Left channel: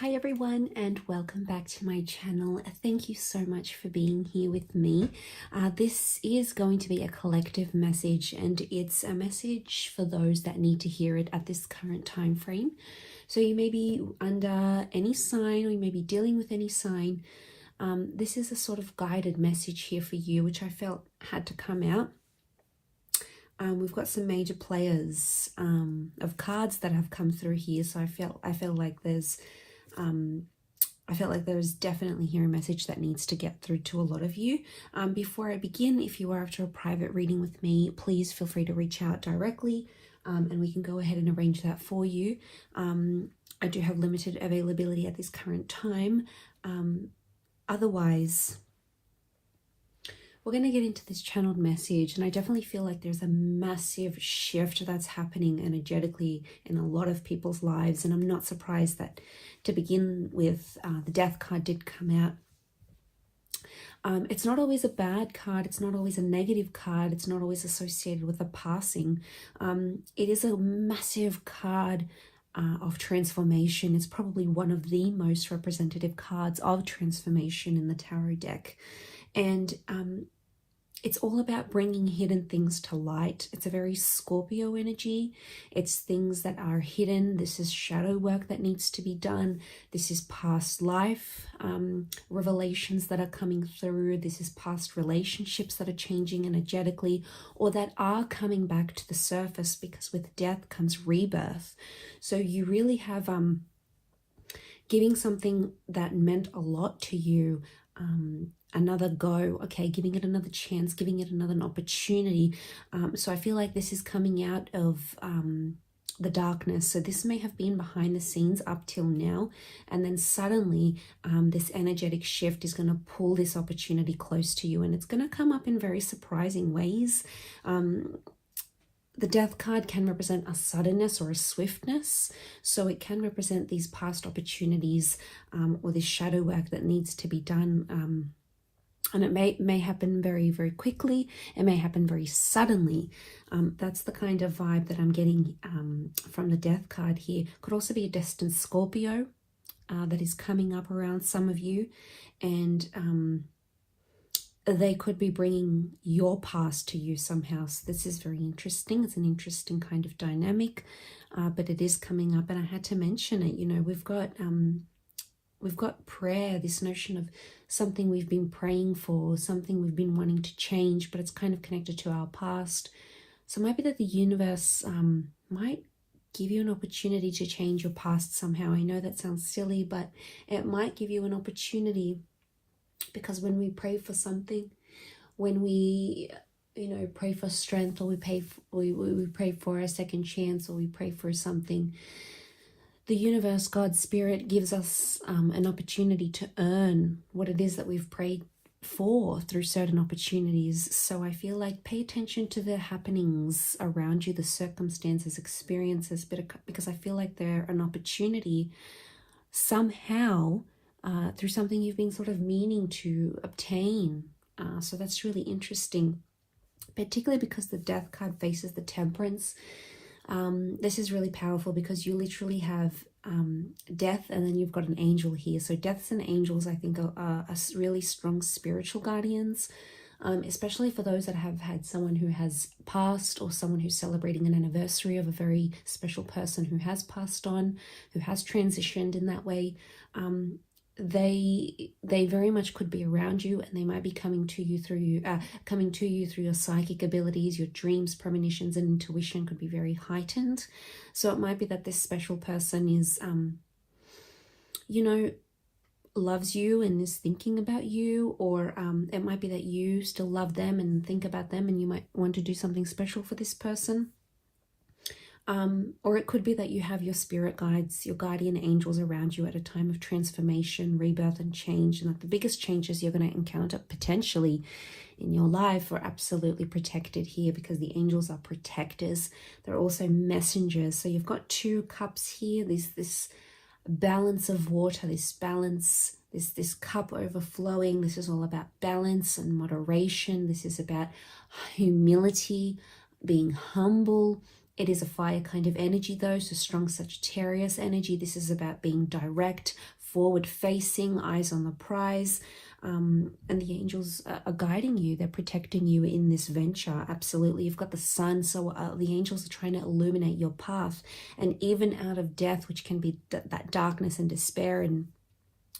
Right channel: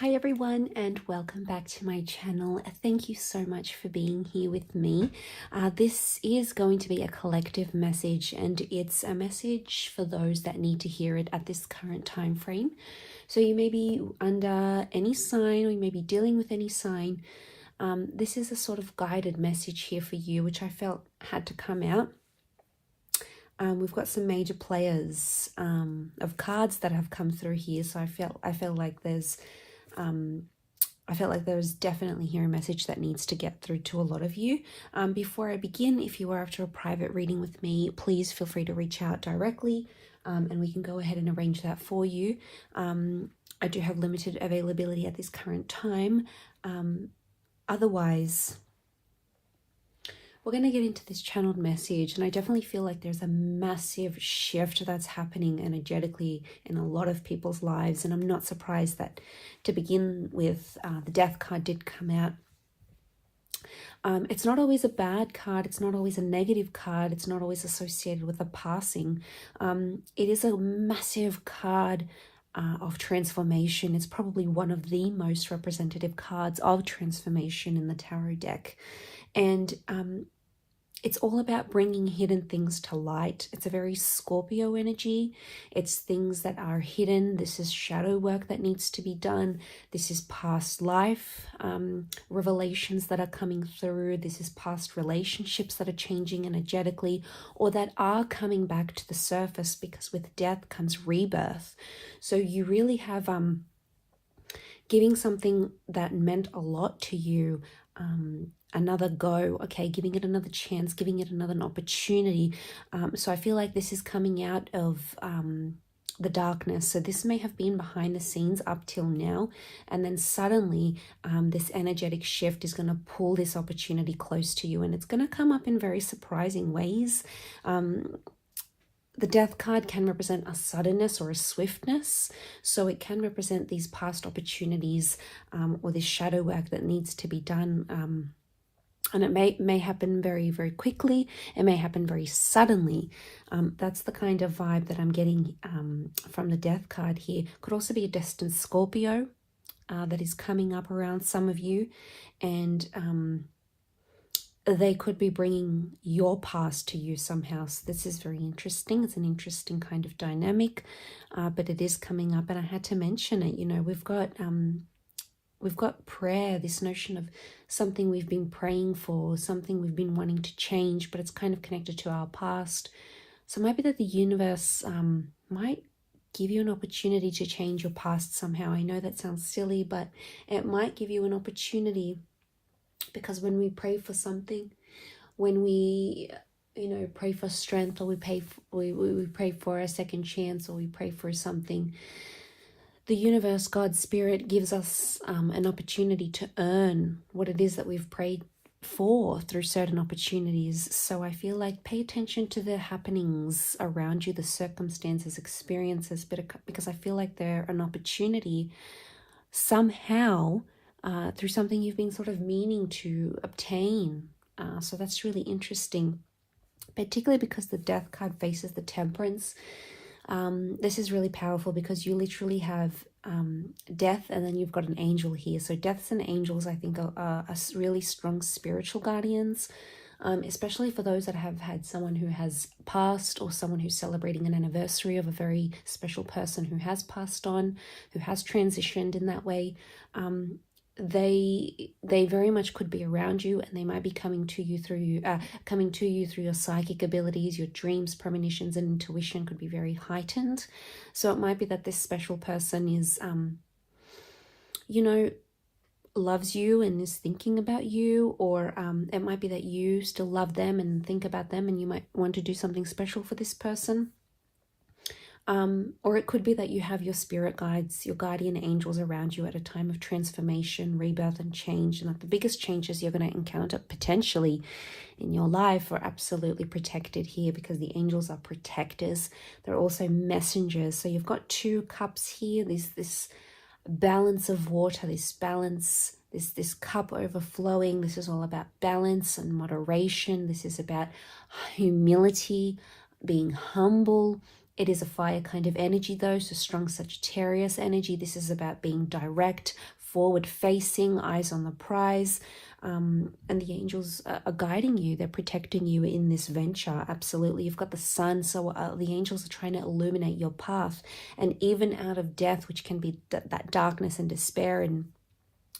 Hi everyone, and welcome back to my channel. Thank you so much for being here with me. This is going to be a collective message, and it's a message for those that need to hear it at this current time frame. So you may be under any sign, or you may be dealing with any sign. This is a sort of guided message here for you, which I felt had to come out. We've got some major players of cards that have come through here, so I felt like there's definitely here a message that needs to get through to a lot of you. Before I begin, if you are after a private reading with me, please feel free to reach out directly, and we can go ahead and arrange that for you. I do have limited availability at this current time. Otherwise, we're going to get into this channeled message, and I definitely feel like there's a massive shift that's happening energetically in a lot of people's lives, and I'm not surprised that to begin with, the Death card did come out. It's not always a bad card, it's not always a negative card, it's not always associated with a passing. It is a massive card of transformation. It's probably one of the most representative cards of transformation in the tarot deck. And it's all about bringing hidden things to light. It's a very Scorpio energy. It's things that are hidden. This is shadow work that needs to be done. This is past life revelations that are coming through. This is past relationships that are changing energetically, or that are coming back to the surface, because with death comes rebirth. So you really have giving something that meant a lot to you another go, okay, giving it another chance, giving it another opportunity. So I feel like this is coming out of the darkness. So this may have been behind the scenes up till now, and then suddenly this energetic shift is going to pull this opportunity close to you, and it's going to come up in very surprising ways. The Death card can represent a suddenness or a swiftness, so it can represent these past opportunities or this shadow work that needs to be done. And it may happen very, very quickly. It may happen very suddenly. That's the kind of vibe that I'm getting from the Death card here. Could also be a destined Scorpio that is coming up around some of you, and they could be bringing your past to you somehow. So this is very interesting. It's an interesting kind of dynamic, but it is coming up, and I had to mention it. You know, we've got prayer, this notion of something we've been praying for, something we've been wanting to change, but it's kind of connected to our past. So it might be that the universe might give you an opportunity to change your past somehow. I know that sounds silly, but it might give you an opportunity, because when we pray for something, when we pray for strength, or we pray for a second chance, or we pray for something, the universe, God, Spirit, gives us an opportunity to earn what it is that we've prayed for through certain opportunities. So I feel like pay attention to the happenings around you, the circumstances, experiences, because I feel like they're an opportunity somehow through something you've been sort of meaning to obtain. So that's really interesting, particularly because the Death card faces the Temperance. This is really powerful, because you literally have death, and then you've got an angel here. So deaths and angels, I think, are really strong spiritual guardians, especially for those that have had someone who has passed, or someone who's celebrating an anniversary of a very special person who has passed on, who has transitioned in that way. They very much could be around you, and they might be coming to you through your psychic abilities. Your dreams, premonitions, and intuition could be very heightened. So it might be that this special person is loves you and is thinking about you, or it might be that you still love them and think about them, and you might want to do something special for this person. Or it could be that you have your spirit guides, your guardian angels around you at a time of transformation, rebirth, and change. And that the biggest changes you're going to encounter potentially in your life are absolutely protected here, because the angels are protectors. They're also messengers. So you've got 2 cups here. This balance of water, this balance, this cup overflowing. This is all about balance and moderation. This is about humility, being humble, It is a fire kind of energy though, so strong Sagittarius energy. This is about being direct, forward facing, eyes on the prize. And the angels are guiding you. They're protecting you in this venture. Absolutely. You've got the sun. So the angels are trying to illuminate your path. And even out of death, which can be that darkness and despair and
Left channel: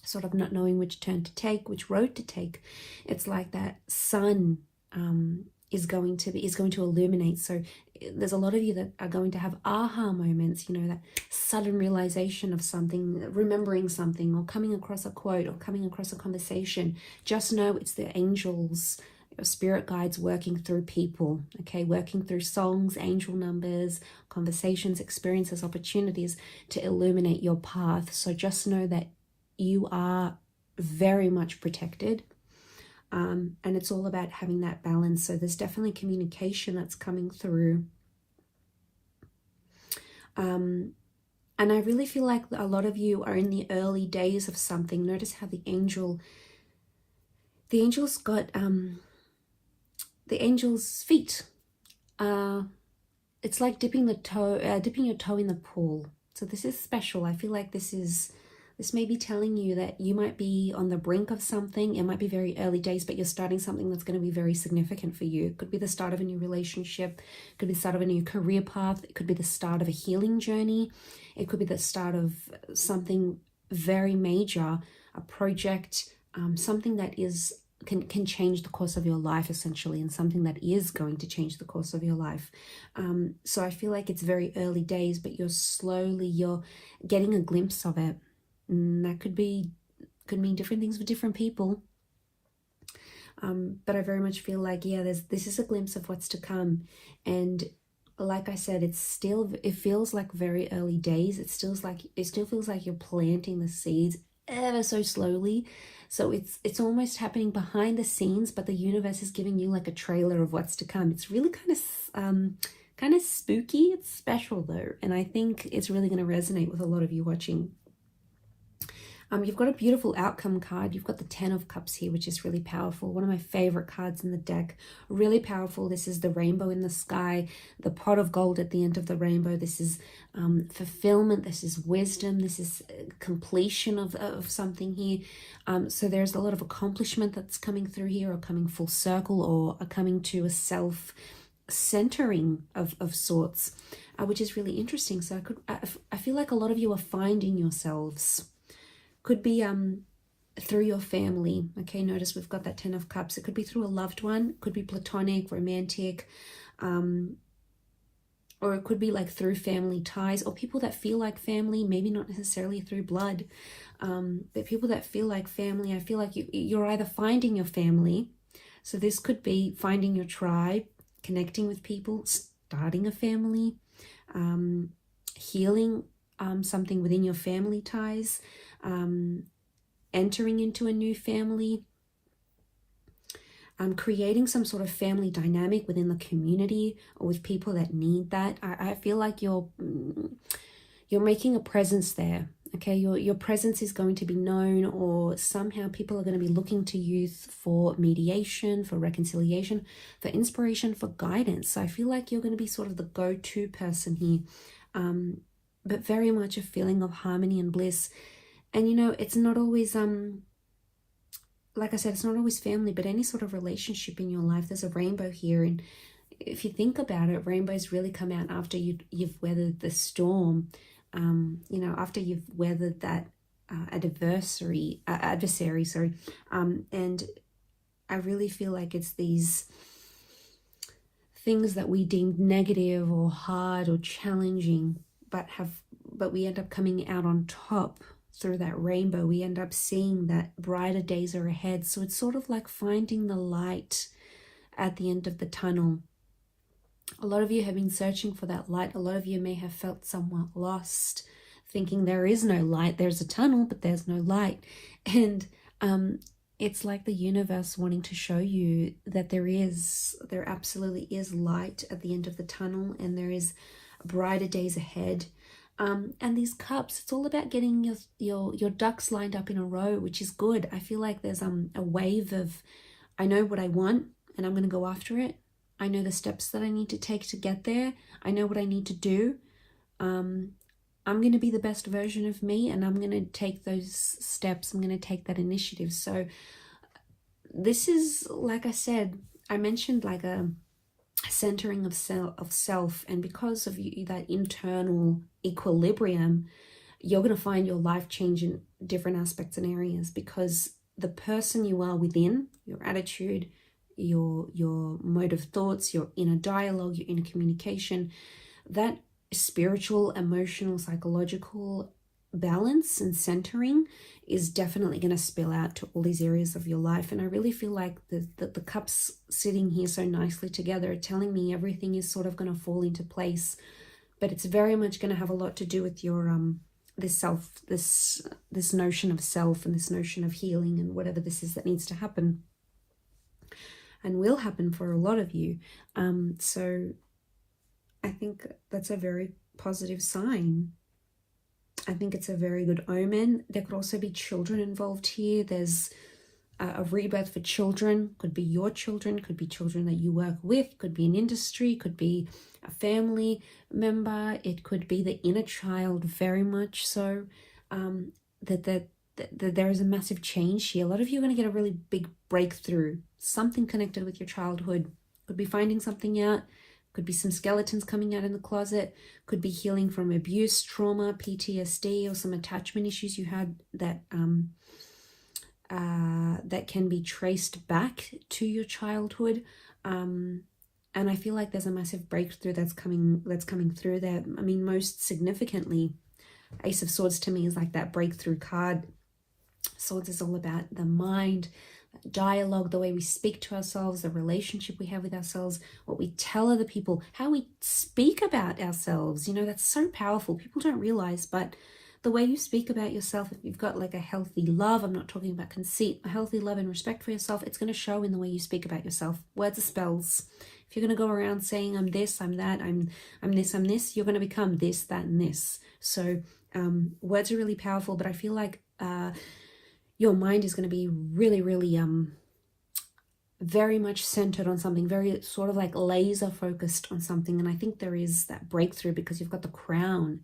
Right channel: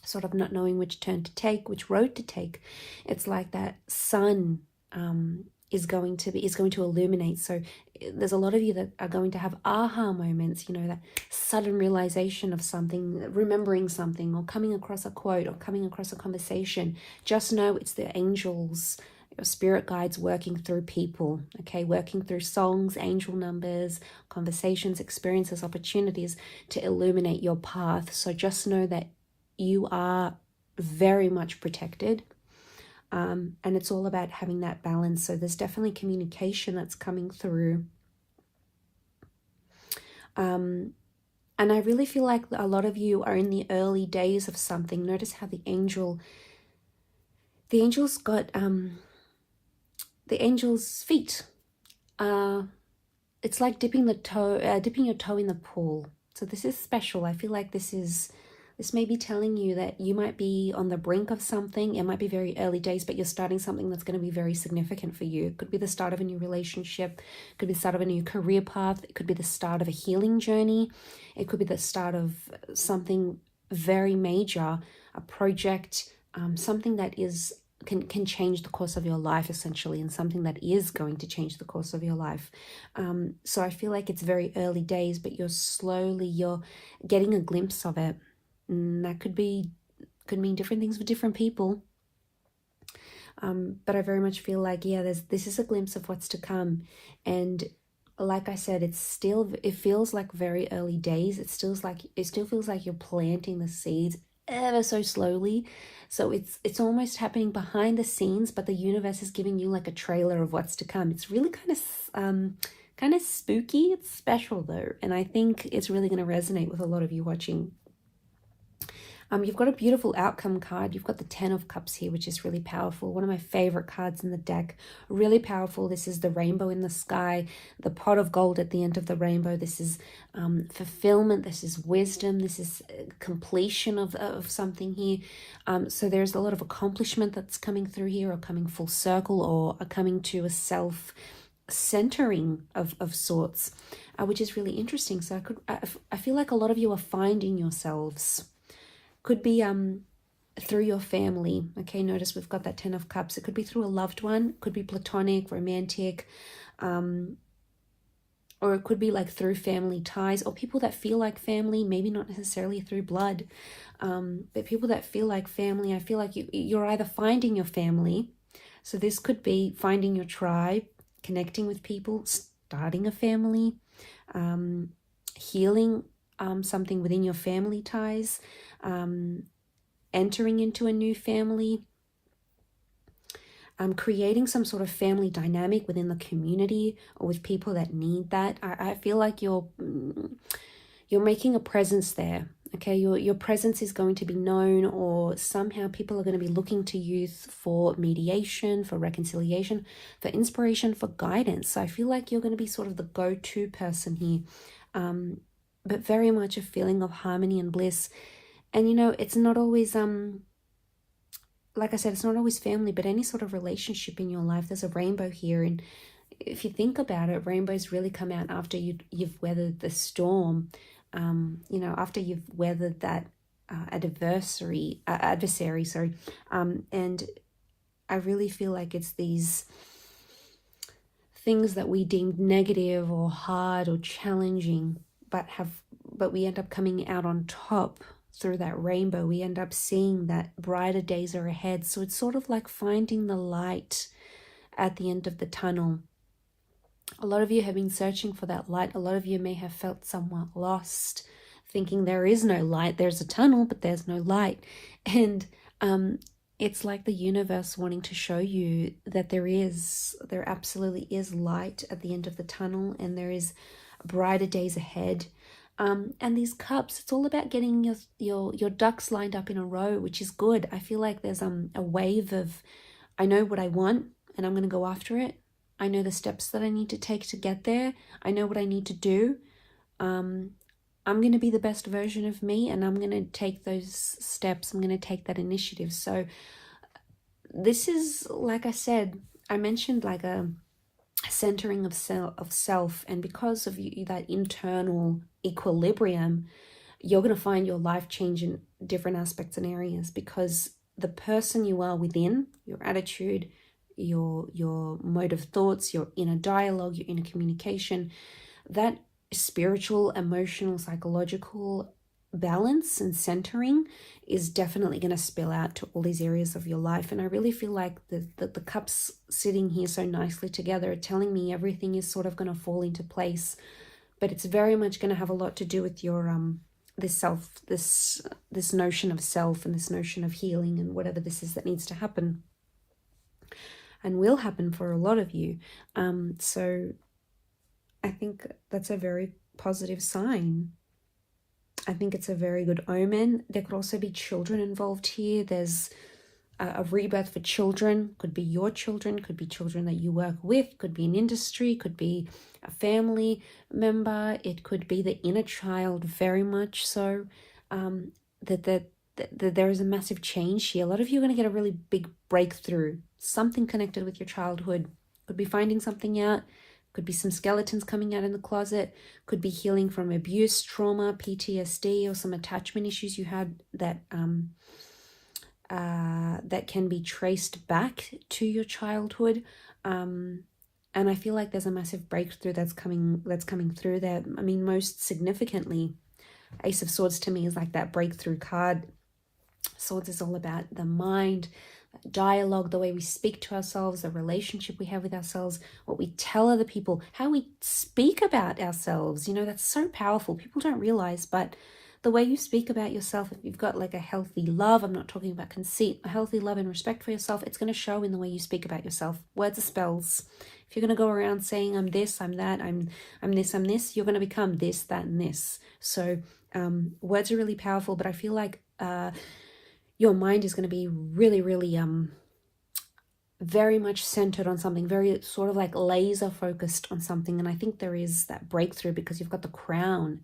sort of not knowing which turn to take, which road to take, it's like that sun is going to illuminate. So there's a lot of you that are going to have aha moments, you know, that sudden realization of something, remembering something, or coming across a quote, or coming across a conversation. Just know it's the angels, your spirit guides working through people, okay, working through songs, angel numbers, conversations, experiences, opportunities to illuminate your path. So just know that you are very much protected. And it's all about having that balance. So there's definitely communication that's coming through. And I really feel like a lot of you are in the early days of something. Notice how the angel's got the angel's feet. It's like dipping your toe in the pool. So this is special. I feel like this may be telling you that you might be on the brink of something. It might be very early days, but you're starting something that's going to be very significant for you. It could be the start of a new relationship. It could be the start of a new career path. It could be the start of a healing journey. It could be the start of something very major, a project, something that can change the course of your life, essentially, and something that is going to change the course of your life. So I feel like it's very early days, but you're getting a glimpse of it. That could mean different things for different people. But I very much feel like, yeah, this is a glimpse of what's to come. And like I said, it feels like very early days. It still feels like you're planting the seeds ever so slowly. So it's almost happening behind the scenes, but the universe is giving you like a trailer of what's to come. It's really kind of spooky. It's special though, and I think it's really going to resonate with a lot of you watching. You've got a beautiful outcome card. You've got the 10 of Cups here, which is really powerful. One of my favorite cards in the deck. Really powerful. This is the rainbow in the sky, the pot of gold at the end of the rainbow. This is fulfillment. This is wisdom. This is completion of something here. So there's a lot of accomplishment that's coming through here, or coming full circle, or coming to a self-centering of sorts, which is really interesting. So I feel like a lot of you are finding yourselves. Could be through your family. Okay, notice we've got that 10 of Cups. It could be through a loved one. It could be platonic, romantic, or it could be like through family ties, or people that feel like family, maybe not necessarily through blood, but people that feel like family. I feel like you're either finding your family. So this could be finding your tribe, connecting with people, starting a family, healing something within your family ties, entering into a new family, creating some sort of family dynamic within the community or with people that need that. I feel like you're making a presence there. Okay, your presence is going to be known, or somehow people are going to be looking to you for mediation, for reconciliation, for inspiration, for guidance. So I feel like you're going to be sort of the go-to person here, but very much a feeling of harmony and bliss. And you know, it's not always like I said, it's not always family, but any sort of relationship in your life. There's a rainbow here, and if you think about it, rainbows really come out after you've weathered the storm. You know, after you've weathered that adversary, and I really feel like it's these things that we deemed negative or hard or challenging, but we end up coming out on top through that rainbow. We end up seeing that brighter days are ahead. So it's sort of like finding the light at the end of the tunnel. A lot of you have been searching for that light. A lot of you may have felt somewhat lost, thinking there is no light. There's a tunnel, but there's no light. And it's like the universe wanting to show you that there absolutely is light at the end of the tunnel, and there is brighter days ahead. And these cups, it's all about getting your ducks lined up in a row, which is good. I feel like there's a wave of, I know what I want and I'm going to go after it. I know the steps that I need to take to get there. I know what I need to do. I'm going to be the best version of me, and I'm going to take those steps. I'm going to take that initiative. So this is, like I said, I mentioned like a centering of self, and because of that internal equilibrium, you're going to find your life change in different aspects and areas, because the person you are within, your attitude, your mode of thoughts, your inner dialogue, your inner communication, that spiritual, emotional, psychological balance and centering is definitely going to spill out to all these areas of your life. And I really feel like the cups sitting here so nicely together are telling me everything is sort of going to fall into place, but it's very much going to have a lot to do with your this notion of self, and this notion of healing, and whatever this is that needs to happen and will happen for a lot of you. So I think that's a very positive sign. I think it's a very good omen. There could also be children involved here. There's a rebirth for children. Could be your children, could be children that you work with, could be an industry, could be a family member. It could be the inner child, very much so. That there is a massive change here. A lot of you are going to get a really big breakthrough, something connected with your childhood. Could be finding something out. Could be some skeletons coming out in the closet. Could be healing from abuse, trauma, PTSD, or some attachment issues you had that that can be traced back to your childhood. And I feel like there's a massive breakthrough that's coming through there. I mean, most significantly, Ace of Swords to me is like that breakthrough card. Swords is all about the mind, dialogue, the way we speak to ourselves, the relationship we have with ourselves, what we tell other people, how we speak about ourselves. You know, that's so powerful. People don't realize, but the way you speak about yourself, if you've got like a healthy love, I'm not talking about conceit, a healthy love and respect for yourself, it's going to show in the way you speak about yourself. Words are spells. If you're going to go around saying I'm this, I'm that, I'm this, you're going to become this, that, and this. So words are really powerful, but I feel like your mind is going to be really, really very much centered on something, very sort of like laser focused on something. And I think there is that breakthrough because you've got the crown,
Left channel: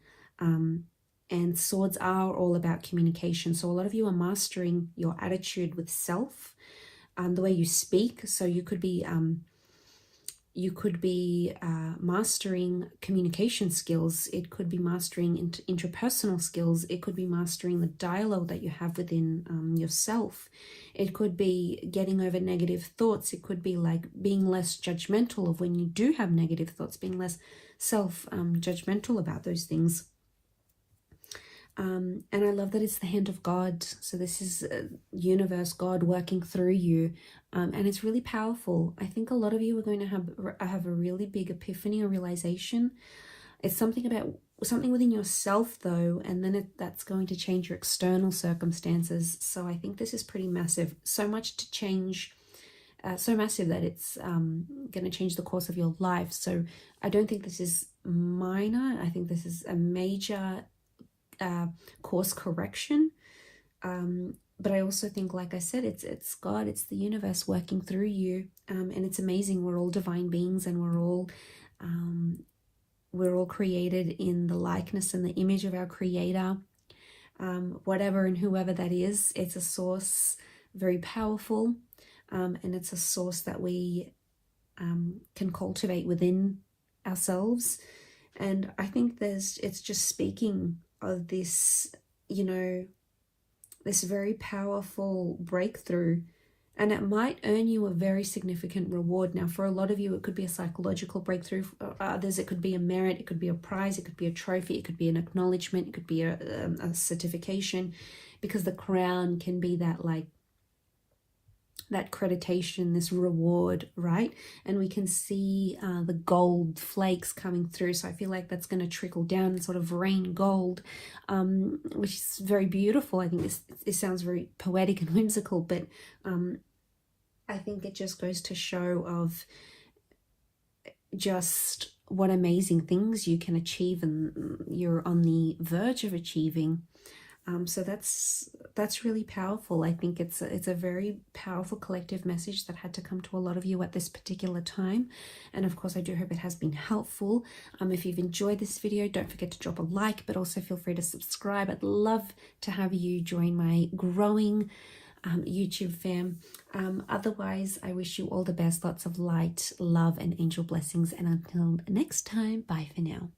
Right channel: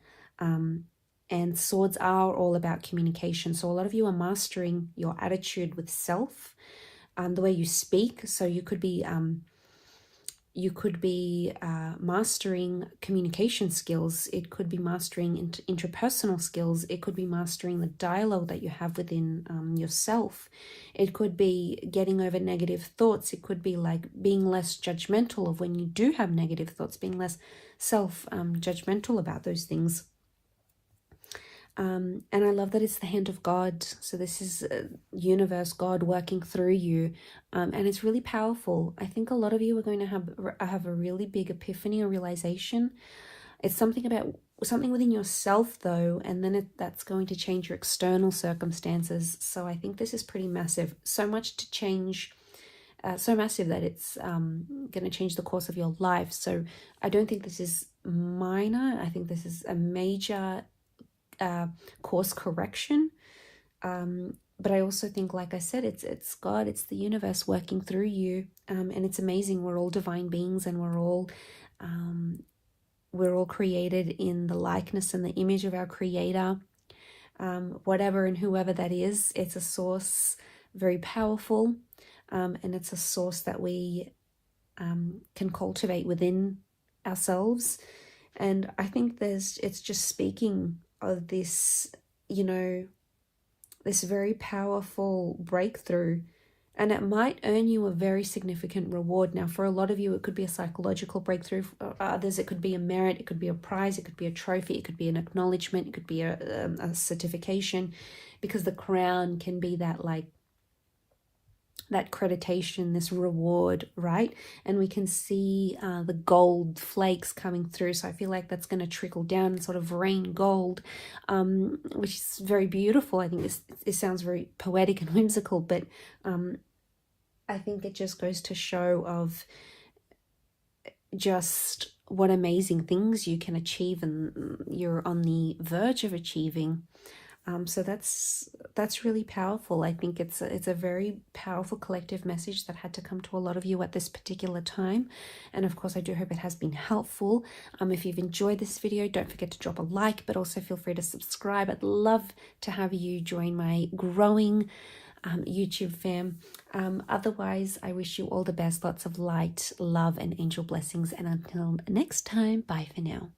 and swords are all about communication. So a lot of you are mastering your attitude with self, the way you speak. So you could be mastering communication skills. It could be mastering interpersonal skills. It could be mastering the dialogue that you have within yourself. It could be getting over negative thoughts. It could be like being less judgmental of when you do have negative thoughts, being less judgmental about those things. And I love that it's the hand of God. So this is universe, God working through you. And it's really powerful. I think a lot of you are going to have a really big epiphany or realization. It's something within yourself though, and then that's going to change your external circumstances. So I think this is pretty massive. So much to change, so massive that it's going to change the course of your life. So I don't think this is minor. I think this is a major course correction, but I also think, like I said, it's God, it's the universe working through you, and it's amazing. We're all divine beings, and we're all created in the likeness and the image of our Creator, whatever and whoever that is. It's a source, very powerful, and it's a source that we can cultivate within ourselves. And I think it's just speaking of this, you know, this very powerful breakthrough, and it might earn you a very significant reward. Now, for a lot of you, it could be a psychological breakthrough. For others, it could be a merit, it could be a prize, it could be a trophy, it could be an acknowledgement, it could be a certification, because the crown can be that, like, that accreditation, this reward, right? And we can see the gold flakes coming through. So I feel like that's going to trickle down and sort of rain gold, which is very beautiful. I think this sounds very poetic and whimsical, but I think it just goes to show of just what amazing things you can achieve and you're on the verge of achieving. So that's really powerful. I think it's a very powerful collective message that had to come to a lot of you at this particular time. And of course, I do hope it has been helpful. If you've enjoyed this video, don't forget to drop a like, but also feel free to subscribe. I'd love to have you join my growing YouTube fam. Otherwise, I wish you all the best, lots of light, love, and angel blessings. And until next time, bye for now.